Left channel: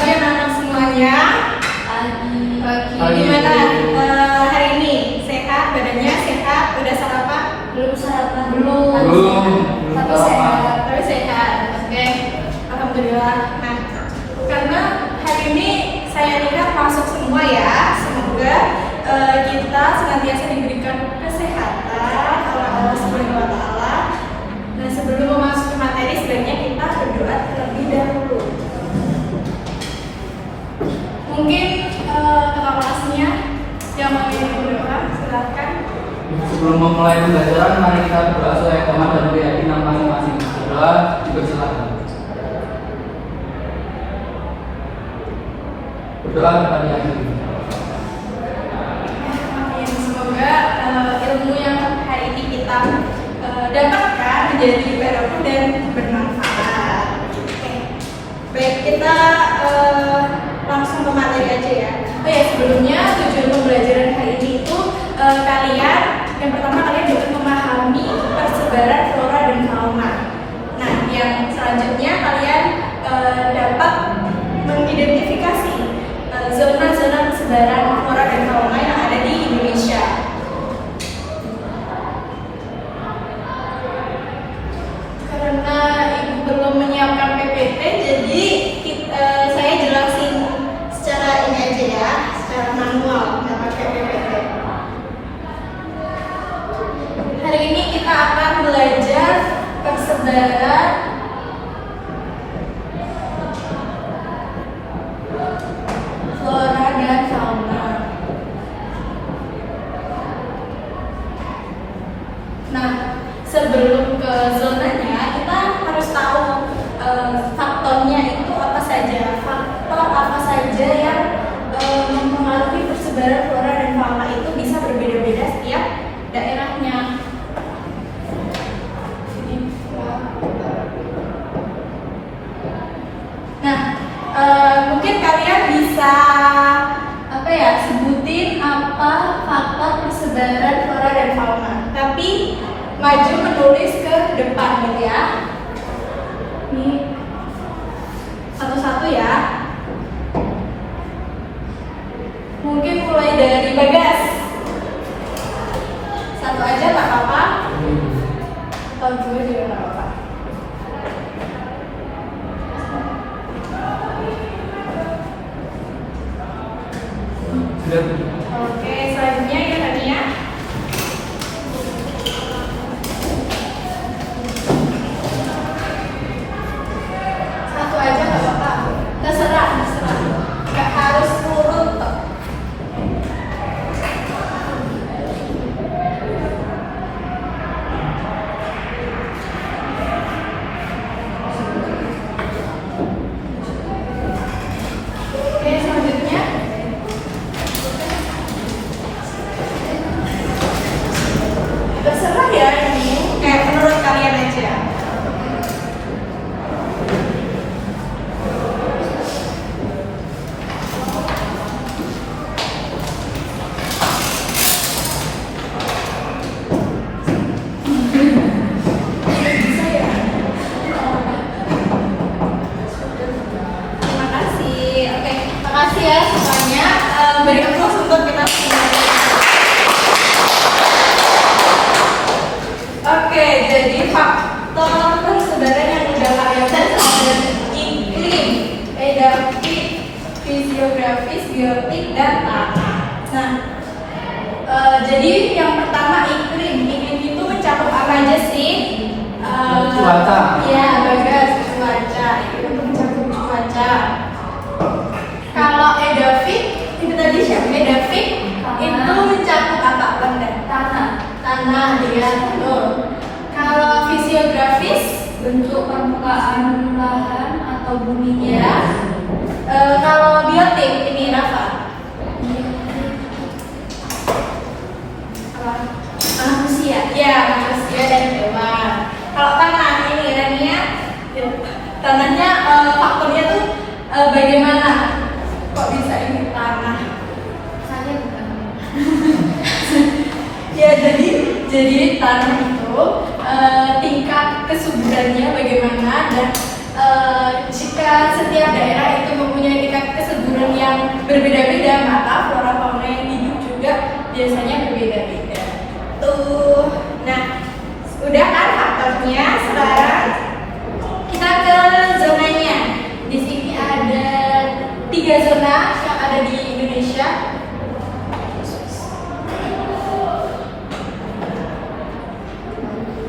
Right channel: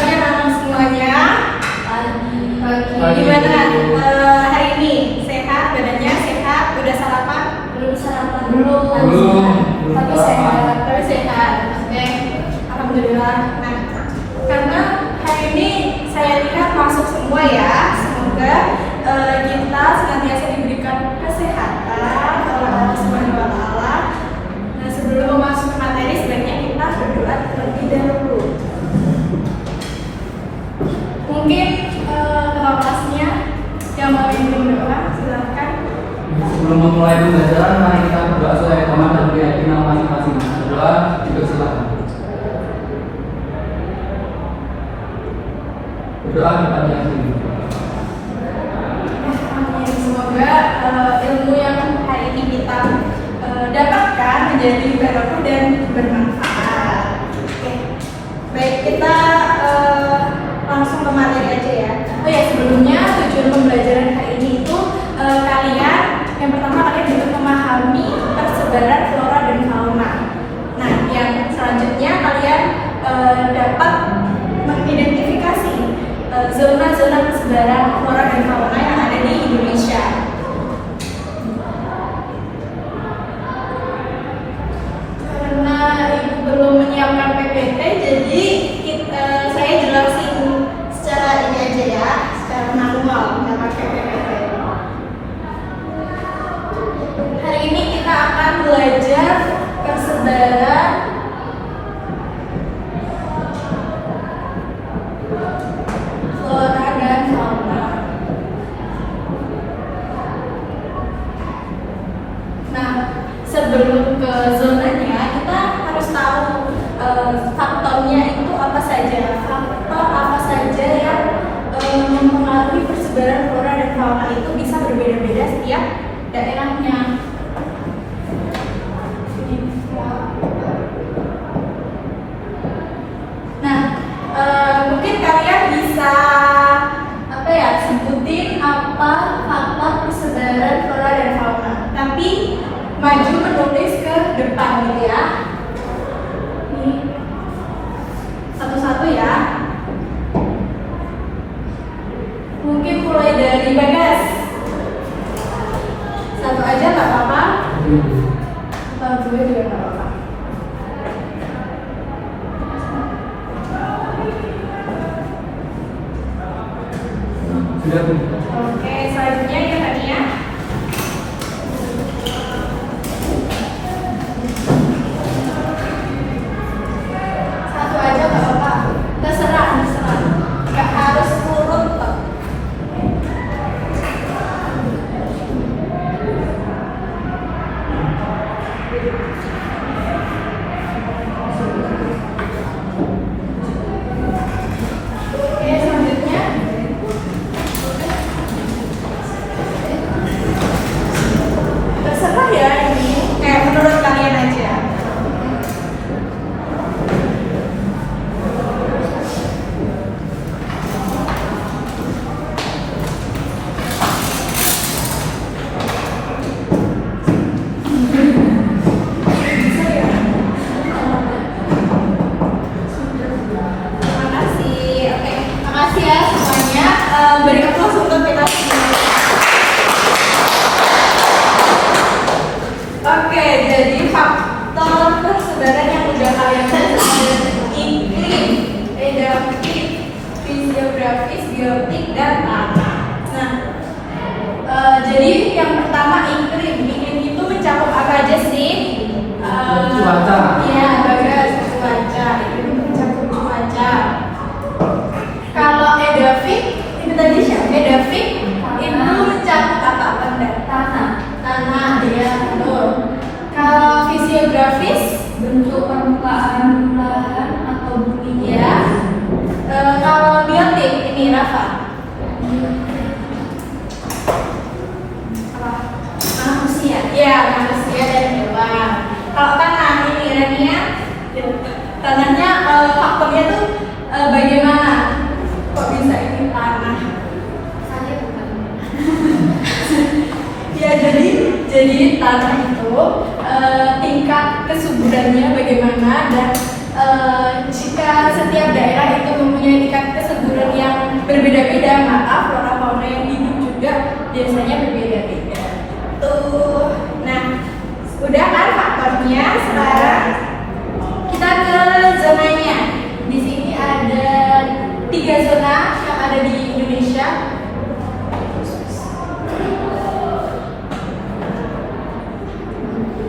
pagi anak-anak semuanya. Oke, Pagi. gimana hari ini? Sehat? Badannya sehat? Udah sarapan? Belum sarapan. Belum. Tapi sehat. Tapi sehat. Oke, alhamdulillah. Nah, karena hari ini saya lihat masuk semua ya. Semoga kita senantiasa diberikan kesehatan oleh Allah Subhanahu Wa Taala. Nah, sebelum masuk ke materi, sebenarnya kita berdoa terlebih dahulu. Mungkin ketua kelasnya yang mau ini berdoa, silakan. Sebelum memulai pembelajaran, mari kita berdoa supaya komat dan keyakinan masing-masing. Berdoa, dipersilakan. Berdoa kepada yang tinggi. Amin. Semoga ilmu yang hari ini kita dapatkan menjadi barokah dan bermanfaat. Oke. Baik, kita langsung ke materi aja ya. Oh ya, sebelumnya tujuan pembelajaran hari ini itu kalian yang pertama kalian dapat memahami persebaran flora dan fauna. Nah, yang selanjutnya kalian dapat mengidentifikasi zona-zona persebaran flora dan fauna yang ada di Indonesia. Karena ibu belum menyiapkan PPT, jadi saya jelasin secara ini aja ya, secara manual, nggak pakai PPT. Hari ini kita akan belajar persebaran flora dan fauna. Nah, sebelum ke zonanya, kita harus tahu faktornya itu apa saja. Faktor apa saja yang mempengaruhi persebaran flora dan fauna itu bisa berbeda-beda setiap daerahnya. Nah, mungkin kalian bisa sebutin apa faktor persebaran flora dan fauna. Tapi maju menulis ke depan gitu ya. Nih, satu-satu ya. Mungkin mulai dari Bagas. Satu aja nggak apa-apa. Atau dua juga nggak apa-apa. Sudah, Bu. Oke, selanjutnya ya Tania. Satu aja nggak apa-apa. Terserah. Nggak harus urut kok. Oke, selanjutnya. Terserah ya ini, kayak menurut kalian aja. Makasih. Oke, makasih ya semuanya. Beri aplaus untuk kita semua. Oke, jadi faktor persebaran yang udah kalian tes ada iklim, edafik, fisiografis, biotik, dan tanah. Nah, jadi yang pertama iklim. Iklim itu mencakup apa aja sih? Cuaca. Iya, Bagas, cuaca. Iklim mencakup cuaca. Kalau edafik, itu tadi siapa? Edafik itu mencakup apa? Tanah, ya, betul. Kalau fisiografis, Bentuk permukaan lahan atau bumi. ya. Kalau biotik, ini Rafa. Apa? Manusia. Ya, manusia dan hewan. Kalau tanah, ini Rania. Tanahnya faktornya tuh bagaimana? Kok bisa ini tanah? Saya bukan. Ya, jadi tanah itu tingkat kesuburannya bagaimana dan jika setiap daerah itu mempunyai tingkat berbeda-beda, maka flora fauna yang hidup juga biasanya berbeda-beda. Tuh, nah udah kan faktornya. Sekarang kita ke zonanya. Di sini ada 3 zona yang ada di Indonesia.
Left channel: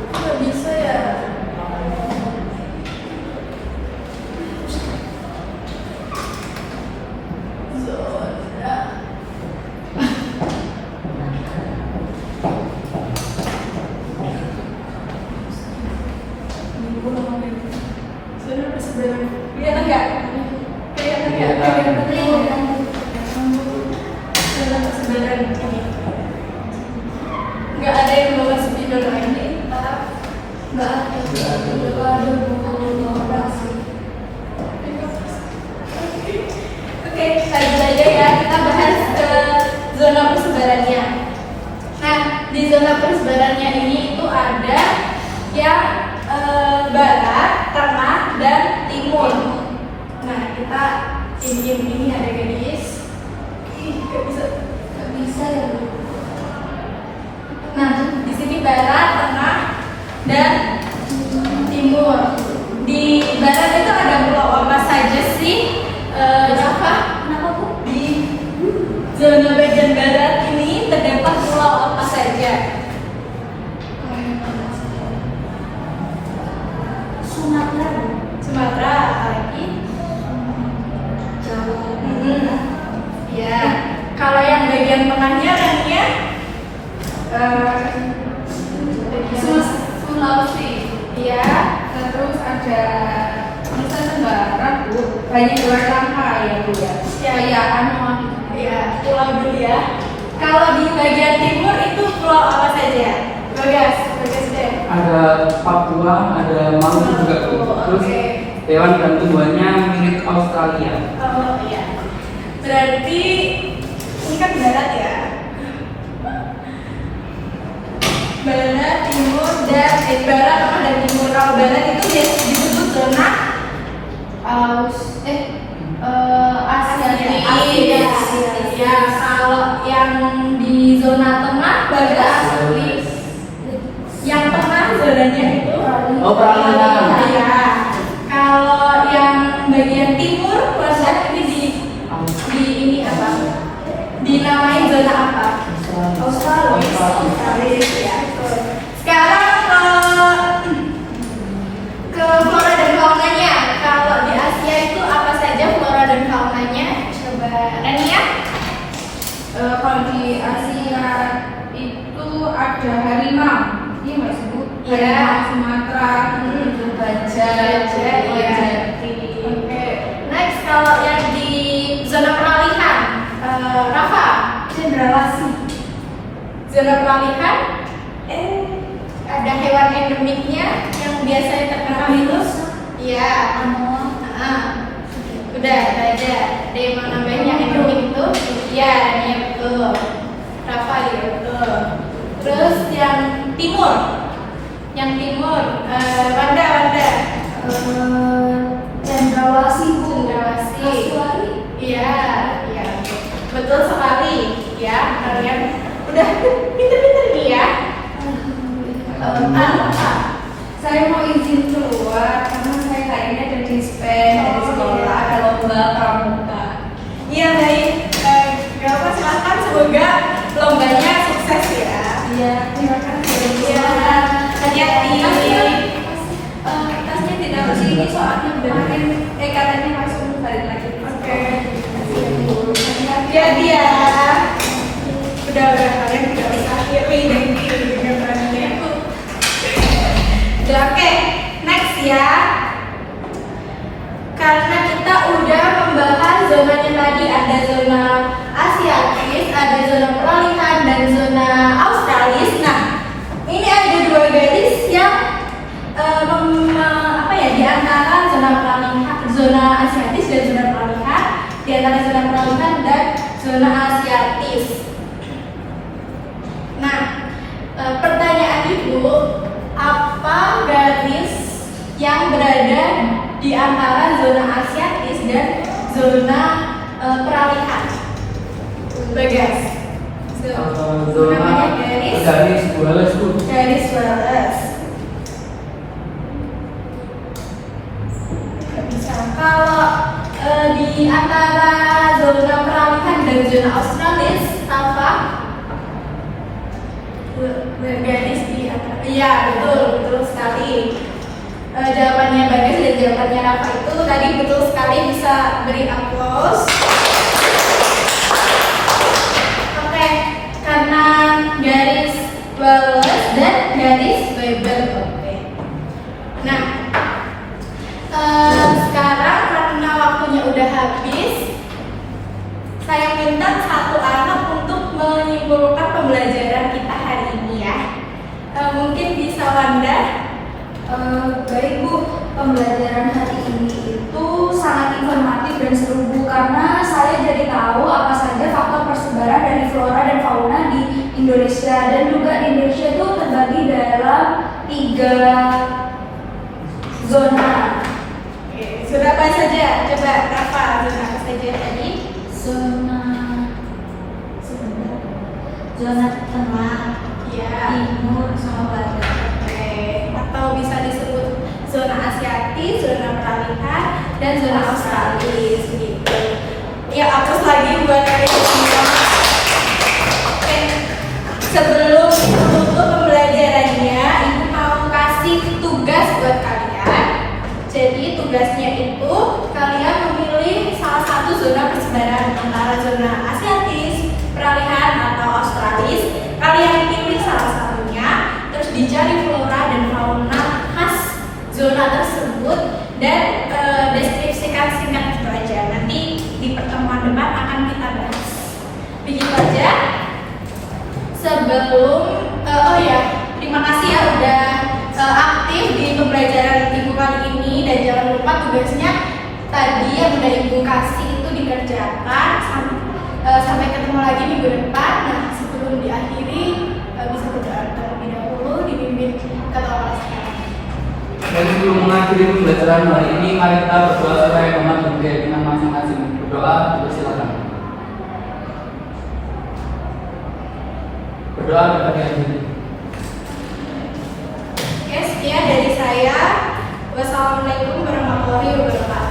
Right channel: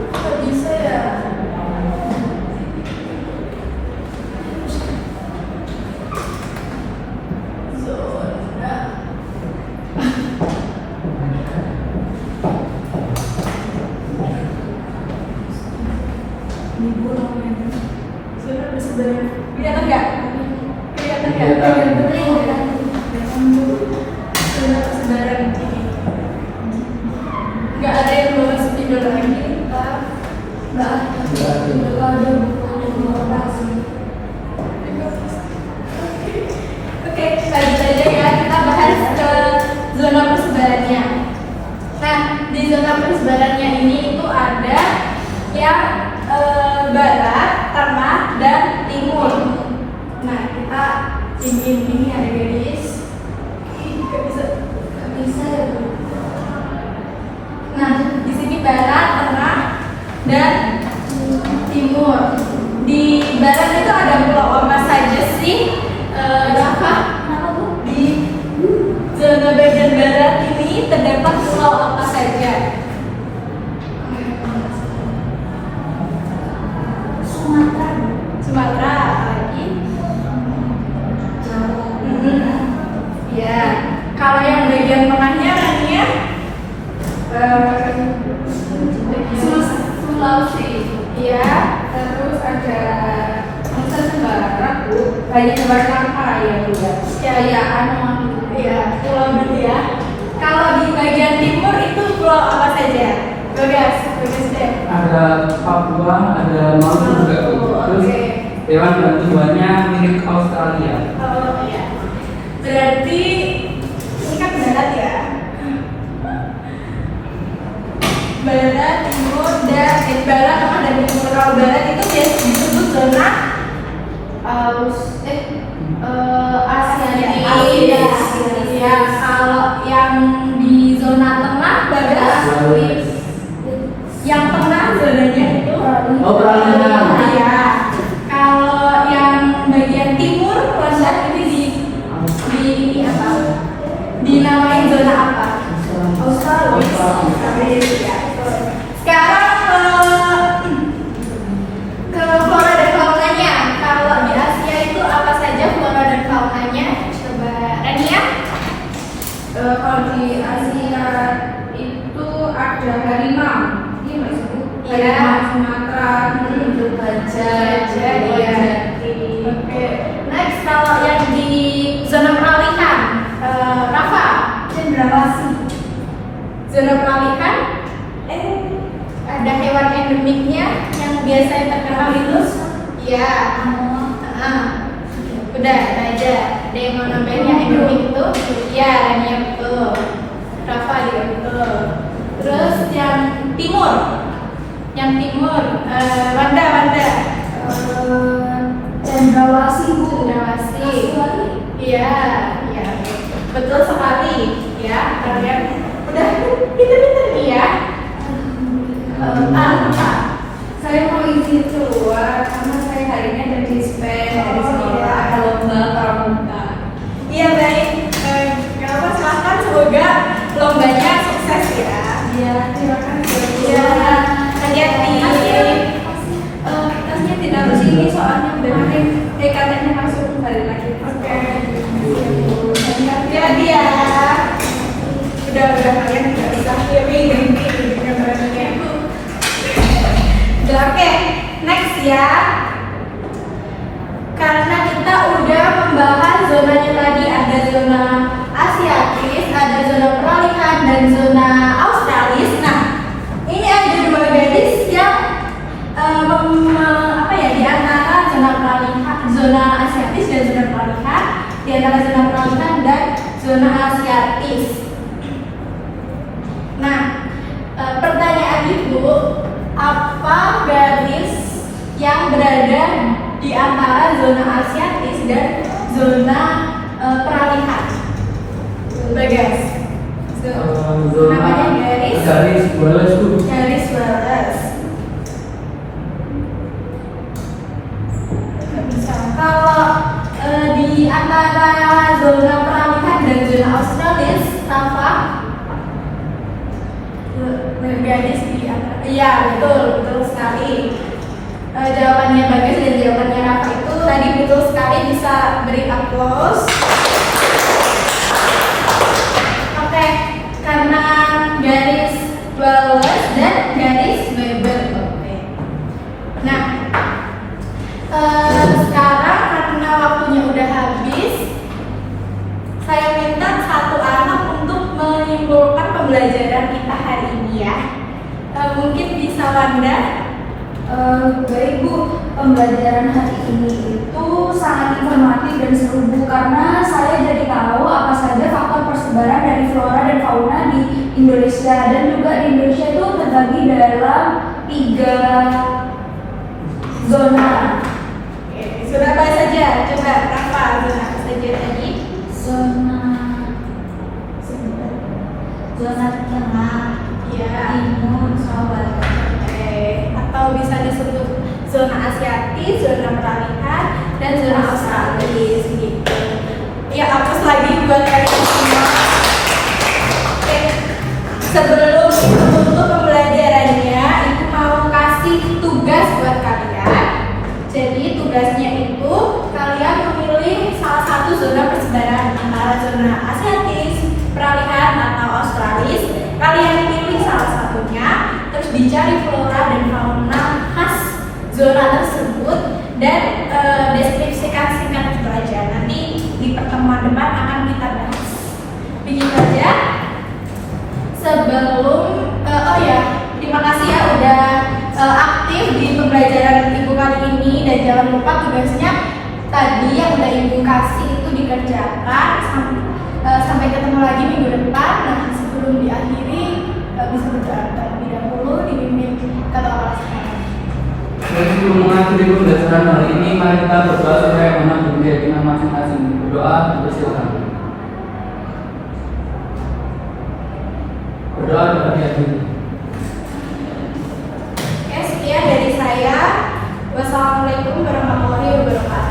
Kok bisa ya? Zona persebaran. Kelihatan nggak? Kelihatan nggak? Zona persebaran ini. Nggak ada yang bawa spidol lagi. Nggak ada. Oke, lanjut aja ya. Kita bahas zona persebarannya. Nah, di zona persebarannya ini itu ada yang barat, tengah, dan timur. Nah, kita ini ada garis. Gak bisa ya, Bu. Nah, di sini barat, tengah, dan timur. Di barat itu ada pulau apa saja sih? Kenapa, Bu? Di zona bagian barat ini terdapat pulau apa saja? Sumatera, apalagi? Jawa. Ya, kalau yang bagian tengahnya namanya Sulawesi. Ya, terus ada Nusa Tenggara, Bu. Banyak Jakarta ya, Bu ya. Ya, Pulau dulu ya. Kalau di bagian timur itu pulau apa saja? Bagas deh. Ada Papua, ada Maluku juga tuh. Terus hewan dan tumbuhannya milik Australia. Oh iya. Berarti ini kan barat ya. Barat, timur, dan barat, tengah, dan timur. Kalau barat itu biasa disebut zona Asia. Ya, kalau yang di zona tengah bagas. Yang tengah zonanya itu perairan. ya. Kalau yang bagian timur lendak ini di ini apa? Dinamain zona apa? Australis ya. Sekarang ke flora dan faunanya. Kalau di Asia itu apa saja flora dan faunanya? Coba Rania. Kalau di Asia itu ada harimau. Iya nggak sih, Bu? Iya. Harimau Sumatera, itu gajah, Iya. Oke. Next, kalau yang di zona peralihan, Rafa. cendrawasih. Zona peralihan, ada hewan endemiknya yang biasanya terkenal itu. Iya. Udah, itu aja. Ada yang mau nambahin yang endemik itu? Iya, Rania betul. Rafa juga betul. Terus yang timur, Wanda. Cendrawasih, Bu. Cendrawasih. Iya, betul sekali. Ya, kalian udah pinter-pinter nih ya. Pak. Saya mau izin keluar karena saya hari ini ada dispen dari sekolah, ada lomba pramuka. Iya baik. Gak apa, silahkan, semoga lombanya sukses ya. Iya, terima kasih. Iya, hati-hati. Tasnya ditaruh sini soalnya kemarin katanya masuk balik lagi. Oke. Hati-hati ya. Udah kalian tidak bisa kiri gambarnya. Udah oke. Next ya. Karena kita udah membahas zonanya tadi, ada zona Asiatis, ada zona peralihan, dan zona Australis. Nah, ini ada 2 garis yang di antara zona peralihan, zona Asiatis dan zona peralihan, di antara zona peralihan dan zona Asiatis. Nah, pertanyaan Ibu, apa garis yang berada di antara zona Asiatis dan zona peralihan? Bagas. Namanya garis. Garis wireless tuh. Garis wireless. Gak bisa. Kalau di antara zona peralihan dan zona australis, apa? Bergaris di antara. Iya, betul sekali. Jawabannya Bagas dan jawabannya Rafa itu tadi betul sekali, bisa beri aplaus. Oke, karena garis wireless dan garis Bible. Oke. Nah, sekarang karena waktunya udah habis, saya minta satu anak untuk menyimpulkan pembelajaran kita hari ini ya. Mungkin bisa Wanda. Baik Bu, pembelajaran hari ini itu sangat informatif dan seru Bu, karena saya jadi tahu apa saja faktor persebaran dari flora dan fauna di Indonesia, dan juga di Indonesia itu terbagi dalam 3 zona. Zona apa saja? Coba Rafa, zona apa saja tadi? Zona tengah, Ya. timur, sama barat. Atau bisa disebut zona Asiatis, zona peralihan, dan zona Australis gitu. Ya, hapus lagi buat kalian semua. Oke, sebelum itu tutup pembelajarannya, Ibu mau kasih tugas buat kalian. Jadi tugasnya itu kalian memilih salah satu zona persebaran antara zona Asiatis, peralihan, atau Australis. Kalian pilih salah satunya, terus dicari flora dan fauna khas zona tersebut dan deskripsikan singkat gitu aja. Nanti di pertemuan depan akan kita bahas. Begitu aja. Sebelum terima kasih ya udah aktif di pembelajaran Ibu kali ini, dan jangan lupa tugasnya tadi yang udah Ibu kasih itu dikerjakan. Sampai ketemu lagi minggu depan. Nah, sebelum diakhiri bisa berdoa terlebih dahulu dipimpin ketua kelas sekarang. Dan sebelum mengakhiri pembelajaran hari ini, mari kita berdoa supaya umat dan keyakinan masing-masing. Berdoa, silakan. Berdoa kita diakhiri. Oke, sekian dari saya. Wassalamualaikum warahmatullahi wabarakatuh.